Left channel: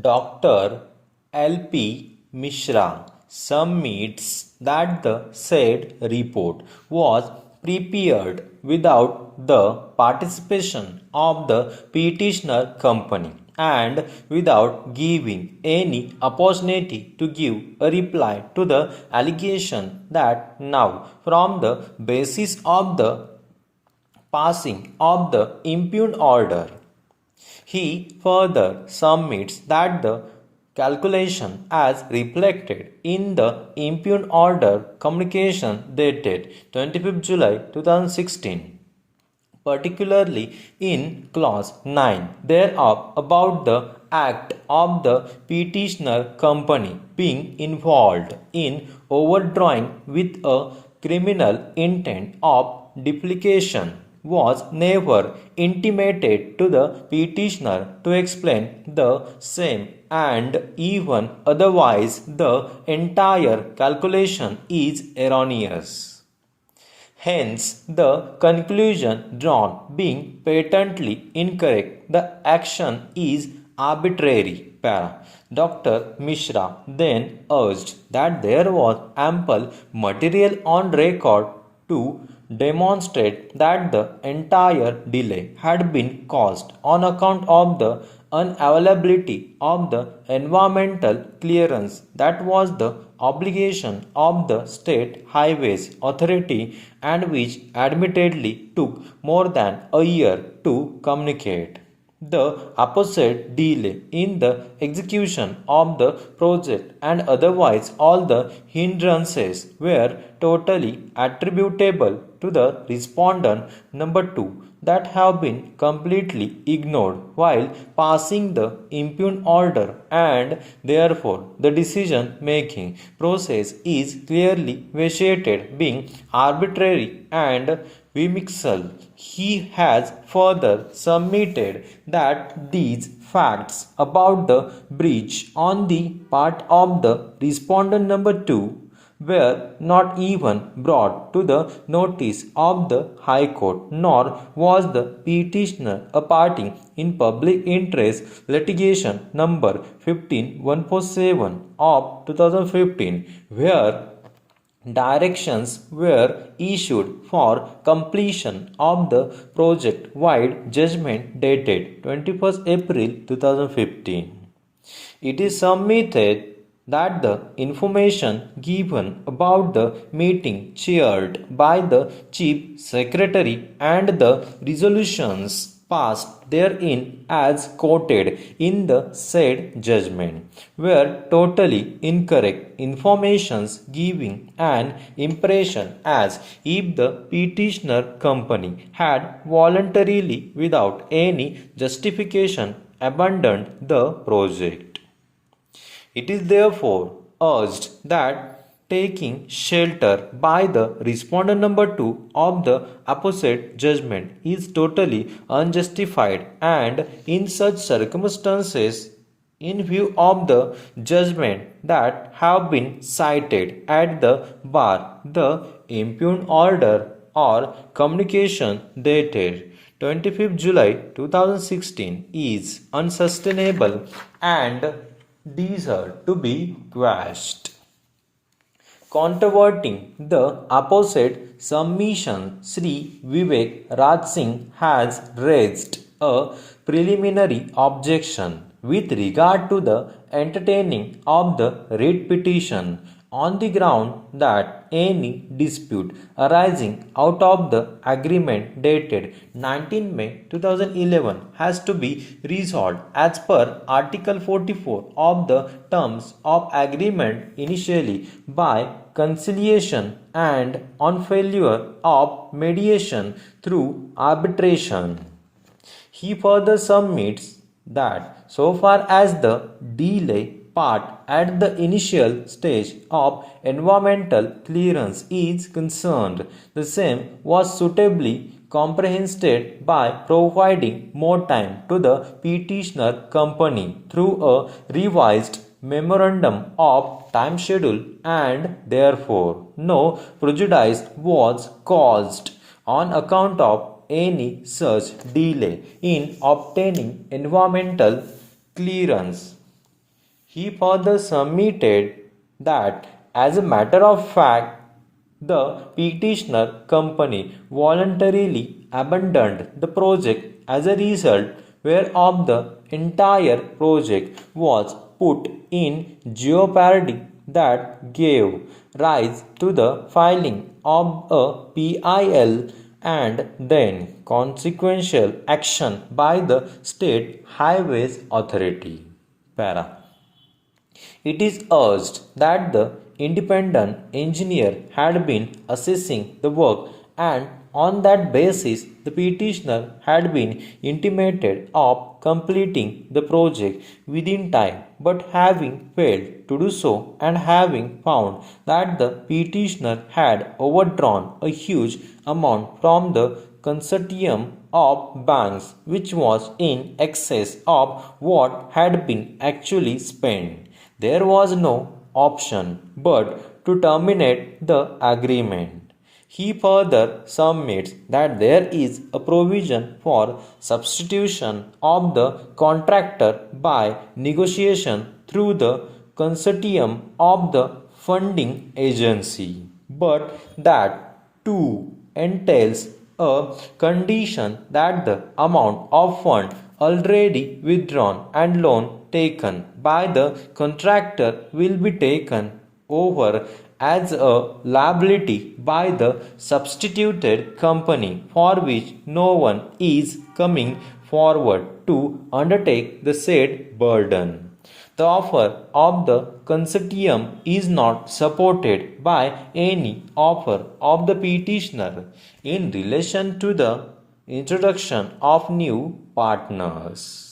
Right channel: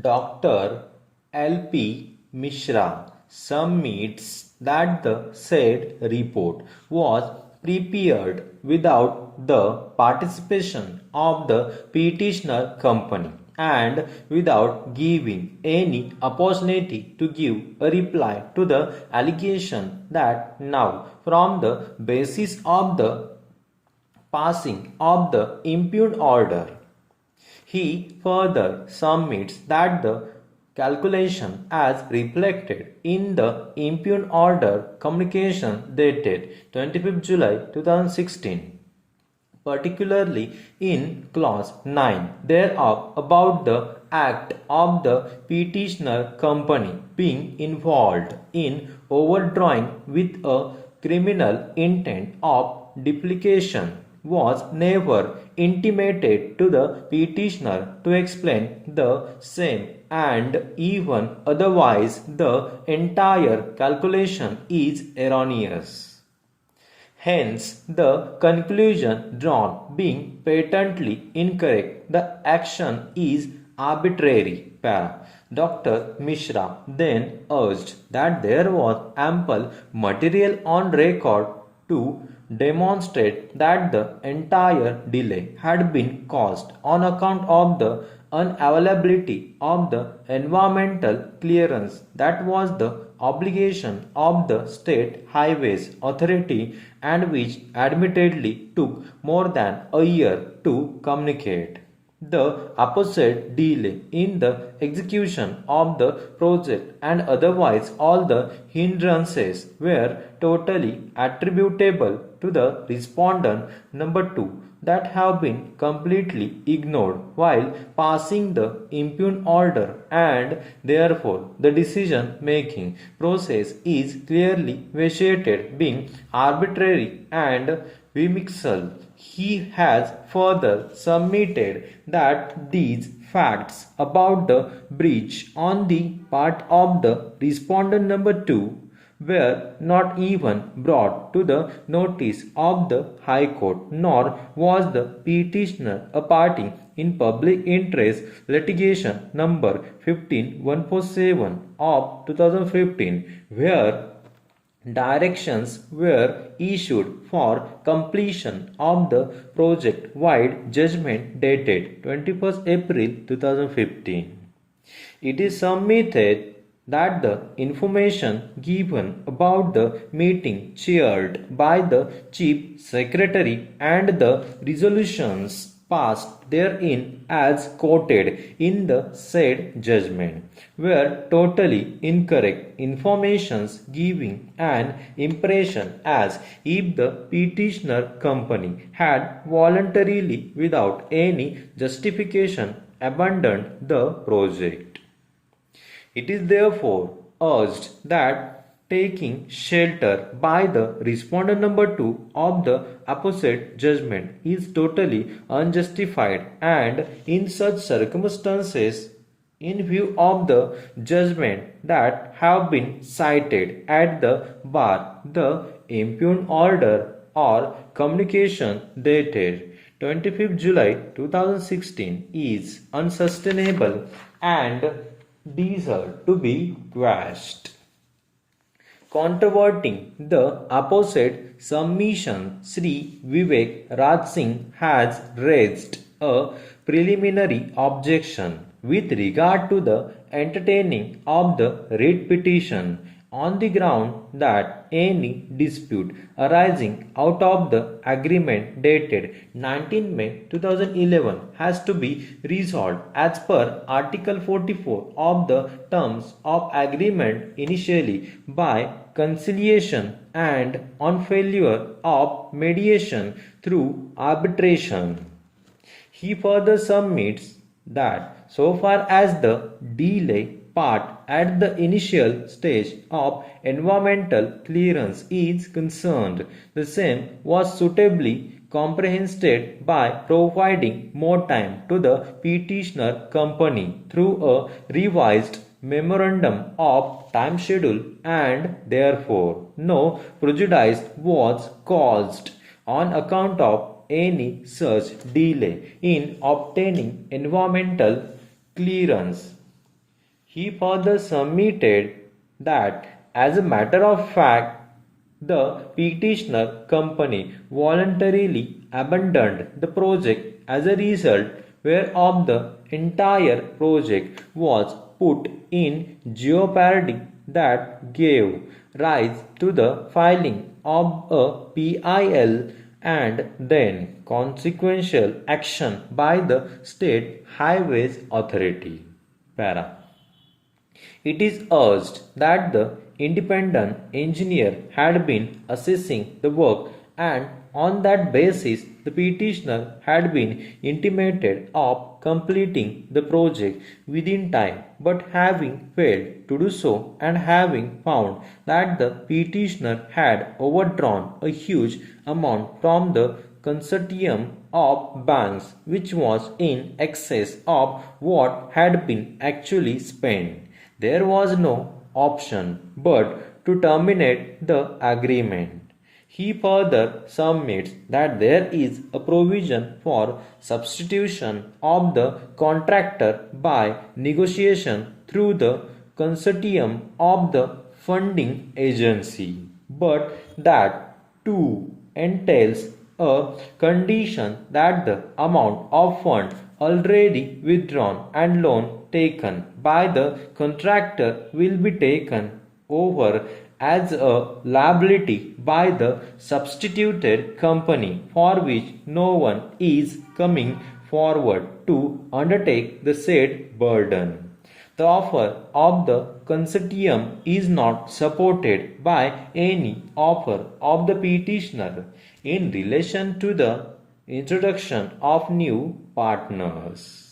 Dr. L.P. Mishra submits that the said report was prepared without the participation of the petitioner company and without giving any opportunity to give a reply to the allegation that now from the basis of the passing of the impugned order. He further submits that the calculation as reflected in the impugned order communication dated 25th July 2016, particularly in clause 9 thereof about the act of the petitioner company being involved in overdrawing with a criminal intent of duplication was never intimated to the petitioner to explain the same, and even otherwise the entire calculation is erroneous. Hence, the conclusion drawn being patently incorrect, the action is arbitrary. Dr. Mishra then urged that there was ample material on record to demonstrate that the entire delay had been caused on account of the unavailability of the environmental clearance that was the obligation of the State Highways Authority and which admittedly took more than a year to communicate. The opposite delay in the execution of the project and otherwise all the hindrances were totally attributable to the respondent number 2 that have been completely ignored while passing the impugned order, and therefore the decision making process is clearly vitiated, being arbitrary and whimsical. He has further submitted that these facts about the breach on the part of the respondent number 2 were not even brought to the notice of the High Court, nor was the petitioner a party in public interest litigation number 15147 of 2015, where directions were issued for completion of the project wide judgment dated 21st April 2015. It is submitted that the information given about the meeting chaired by the Chief Secretary and the resolutions passed therein as quoted in the said judgment were totally incorrect informations, giving an impression as if the petitioner company had voluntarily without any justification abandoned the project. It is therefore urged that taking shelter by the respondent number 2 of the opposite judgment is totally unjustified, and in such circumstances, in view of the judgment that have been cited at the bar, the impugned order or communication dated 25th July 2016 is unsustainable and deserve to be quashed. Controverting the opposite submission, Sri Vivek Raj Singh has raised a preliminary objection with regard to the entertaining of the writ petition on the ground that any dispute arising out of the agreement dated 19 May 2011 has to be resolved as per Article 44 of the terms of agreement initially by conciliation and on failure of mediation through arbitration. He further submits that so far as the delay part at the initial stage of environmental clearance is concerned, the same was suitably comprehended by providing more time to the petitioner company through a revised memorandum of time schedule, and therefore no prejudice was caused on account of any such delay in obtaining environmental clearance. He further submitted that, as a matter of fact, the petitioner company voluntarily abandoned the project as a result whereof the entire project was put in jeopardy that gave rise to the filing of a PIL and then consequential action by the State Highways Authority. Para. It is urged that the independent engineer had been assessing the work, and on that basis the petitioner had been intimated of completing the project within time, but having failed to do so and having found that the petitioner had overdrawn a huge amount from the consortium of banks, which was in excess of what had been actually spent, there was no option but to terminate the agreement. He further submits that there is a provision for substitution of the contractor by negotiation through the consortium of the funding agency, but that too entails a condition that the amount of fund already withdrawn and loan taken by the contractor will be taken over as a liability by the substituted company, for which no one is coming forward to undertake the said burden. The offer of the consortium is not supported by any offer of the petitioner in relation to the introduction of new partners.